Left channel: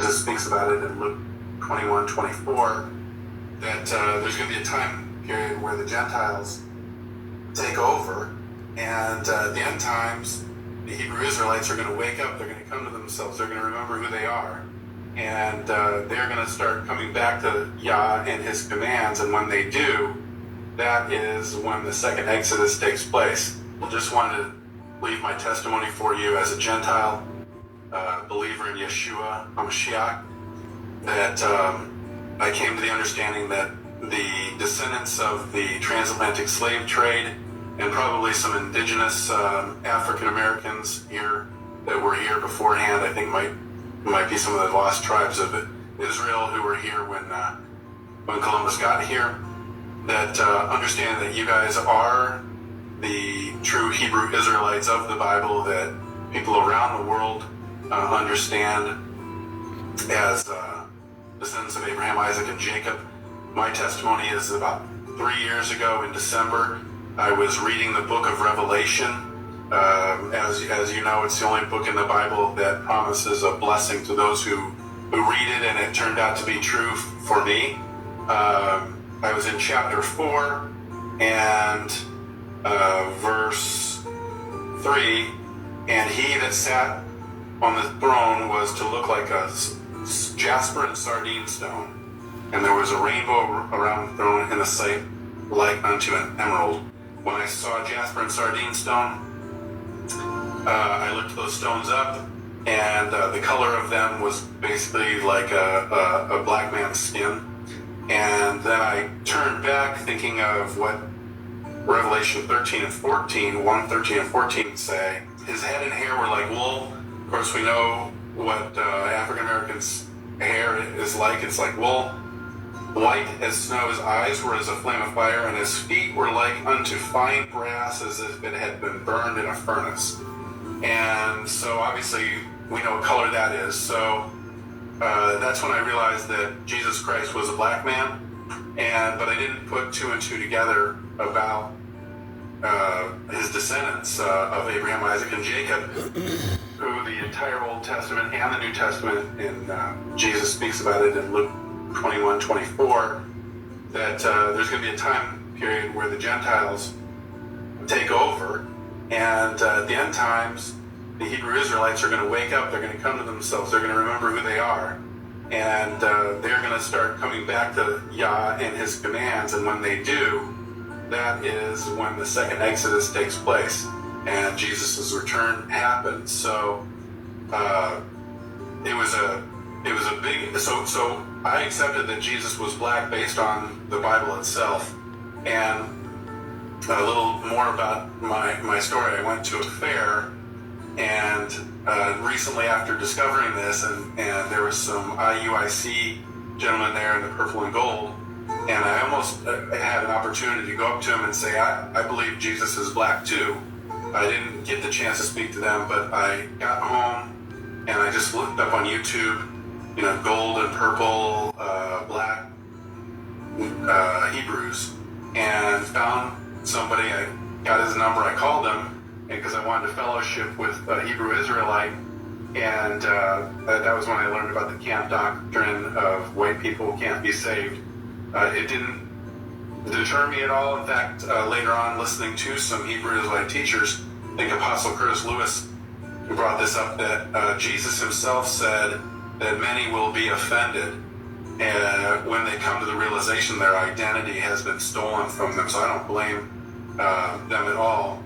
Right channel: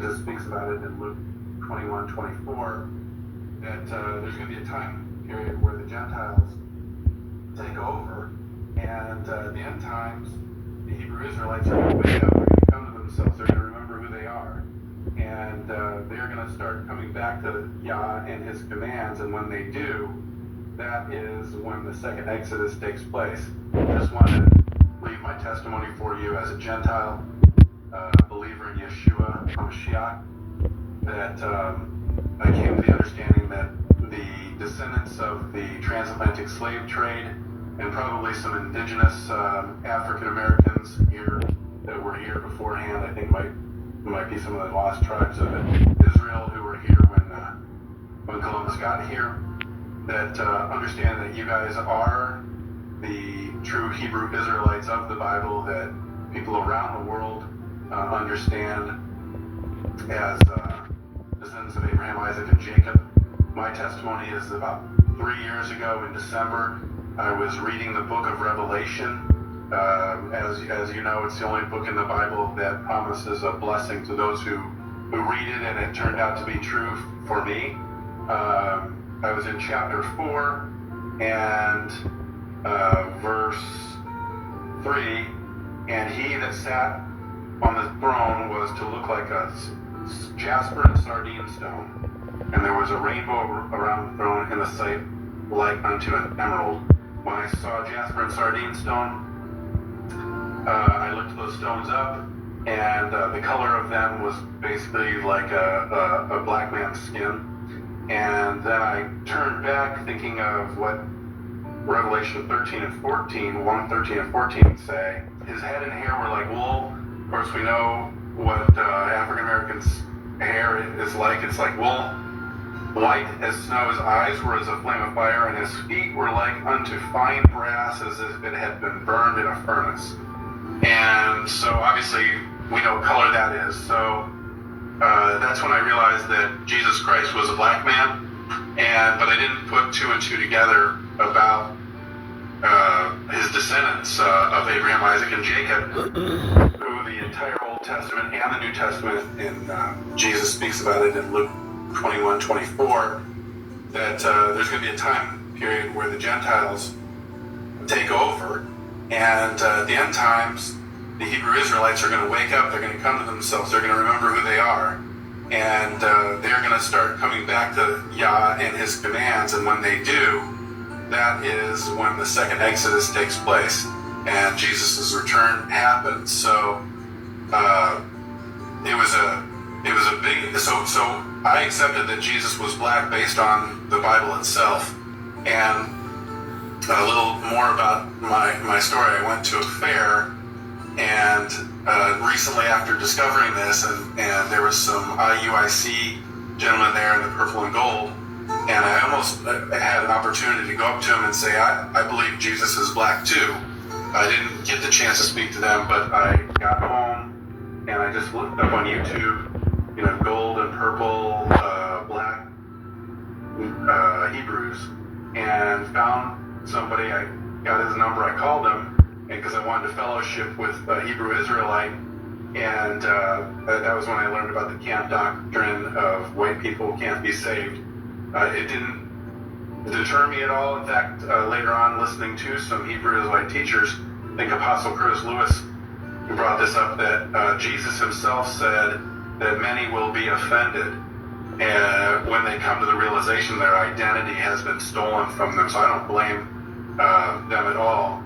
Jesus speaks about it in Luke 21:24, that there's going to be a time period where the Gentiles take over, and at the end times, the Hebrew Israelites are going to wake up, they're going to come to themselves, they're going to remember who they are, and they're going to start coming back to Yah and his commands, and when they do, that is when the second Exodus takes place. I just wanted to leave my testimony for you as a Gentile believer in Yeshua HaMashiach, that I came to the understanding that the descendants of the transatlantic slave trade and probably some indigenous African Americans here that were here beforehand, I think might be some of the lost tribes of Israel who were here when Columbus got here, that understand that you guys are the true Hebrew Israelites of the Bible, that people around the world understand as descendants of Abraham, Isaac, and Jacob. My testimony is about 3 years ago in December, I was reading the book of Revelation. As you know, it's the only book in the Bible that promises a blessing to those who read it, and it turned out to be true for me. I was in chapter 4 and verse 3, and he that sat on the throne was to look like a jasper and sardine stone, and there was a rainbow around the throne in the sight like unto an emerald. When I saw jasper and sardine stone, I looked those stones up, and the color of them was basically like a black man's skin. And then I turned back thinking of what Revelation 13 and 14, 1, 13 and 14 say. His head and hair were like wool. Of course, we know what African Americans' hair is like. It's like wool. White as snow. His eyes were as a flame of fire, and his feet were like unto fine brass, as if it had been burned in a furnace. And so obviously we know what color that is. So that's when I realized that Jesus Christ was a black man, but I didn't put 2 and 2 together about his descendants of Abraham, Isaac, and Jacob, who the entire Old Testament and the New Testament, and Jesus speaks about it in Luke 21:24, that there's going to be a time period where the Gentiles take over, and at the end times, the Hebrew Israelites are going to wake up, they're going to come to themselves, they're going to remember who they are, and they're going to start coming back to Yah and his commands, and when they do, that is when the second Exodus takes place, and Jesus' return happens. So it was a big, so I accepted that Jesus was black based on the Bible itself. And a little more about my story. I went to a fair, and recently after discovering this, and there was some IUIC gentlemen there in the purple and gold, and I almost had an opportunity to go up to him and say, I believe Jesus is black too. I didn't get the chance to speak to them, but I got home and I just looked up on YouTube, gold and purple, black Hebrews, and found somebody. I got his number, I called him, because I wanted to fellowship with a Hebrew Israelite, and that was when I learned about the camp doctrine of white people can't be saved. It didn't deter me at all. In fact, later on, listening to some Hebrew Israelite teachers, I think Apostle Curtis Lewis brought this up, that Jesus himself said that many will be offended when they come to the realization their identity has been stolen from them. So I don't blame them at all.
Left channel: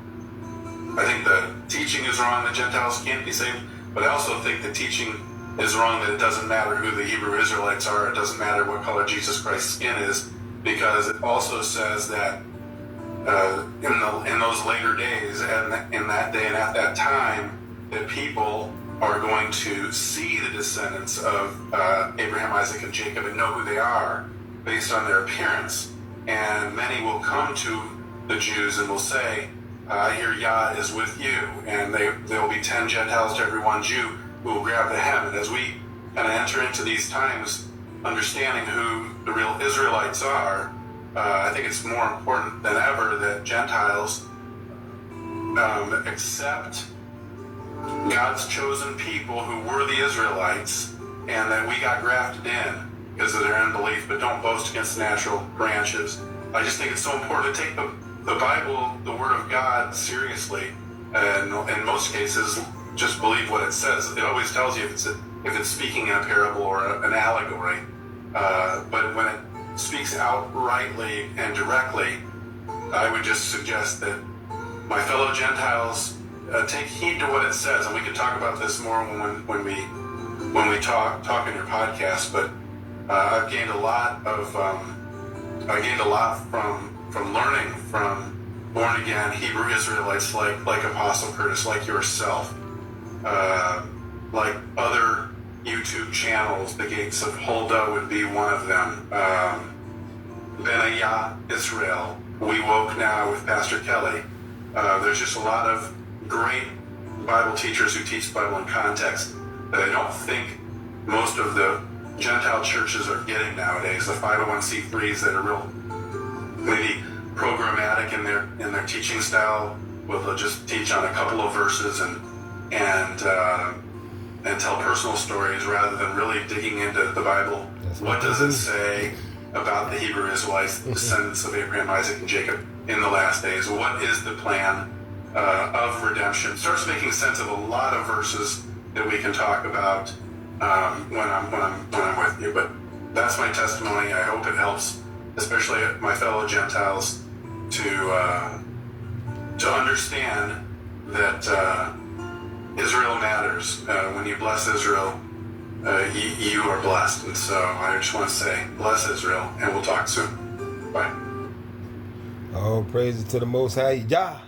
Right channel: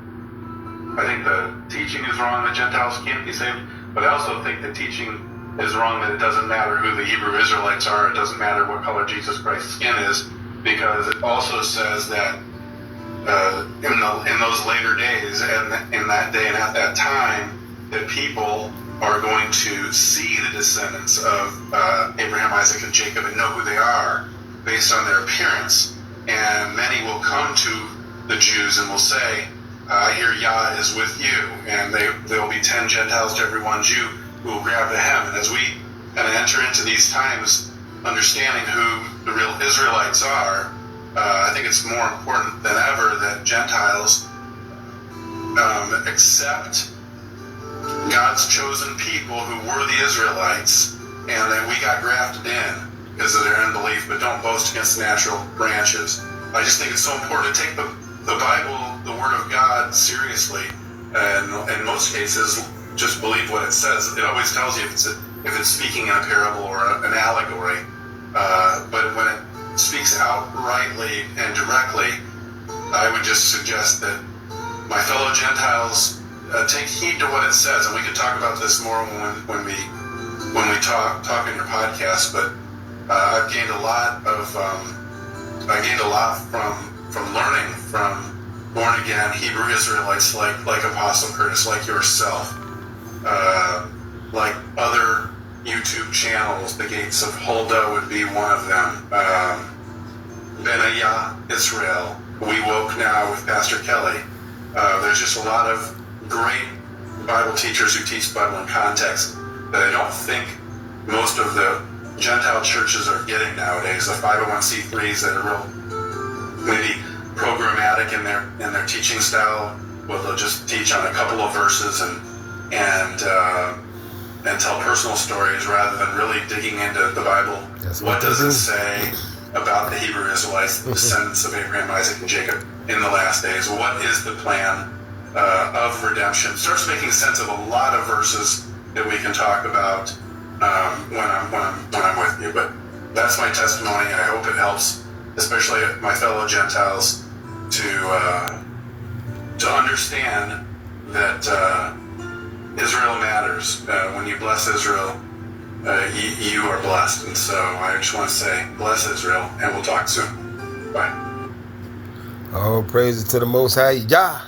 I think the teaching is wrong that Gentiles can't be saved, but I also think the teaching is wrong that it doesn't matter who the Hebrew Israelites are, it doesn't matter what color Jesus Christ's skin is, because it also says that in those later days, and in that day and at that time, that people are going to see the descendants of Abraham, Isaac, and Jacob and know who they are based on their appearance. And many will come to the Jews and will say, I hear Yah is with you, and there will be 10 Gentiles to every one Jew who will grab the hem. And as we kind of enter into these times, understanding who the real Israelites are, I think it's more important than ever that Gentiles accept God's chosen people who were the Israelites and that we got grafted in because of their unbelief, but don't boast against the natural branches. I just think it's so important to take the Bible, the Word of God, seriously, and in most cases, just believe what it says. It always tells you if it's speaking in a parable or an allegory, but when it speaks outrightly and directly, I would just suggest that my fellow Gentiles take heed to what it says, and we can talk about this more when we talk in your podcast. But I've gained a lot from learning from born again Hebrew Israelites like Apostle Curtis, like yourself, like other YouTube channels. The Gates of Huldah would be one of them. Benayah Israel. We Woke Now with Pastor Kelly. There's just a lot of great Bible teachers who teach the Bible in context that I don't think most of the Gentile churches are getting nowadays. The 501c3s that are real maybe programmatic in their teaching style, where they'll just teach on a couple of verses and tell personal stories rather than really digging into the Bible. That's what does it say about the Hebrew Israelites, the descendants of Abraham, Isaac, and Jacob in the last days? What is the plan of redemption? Starts making sense of a lot of verses that we can talk about when I'm with you. But that's my testimony. I hope it helps, especially my fellow Gentiles, to understand that Israel matters. When you bless Israel, you are blessed. And so I just want to say, bless Israel, and we'll talk soon. Bye. All praises to the Most High Yah.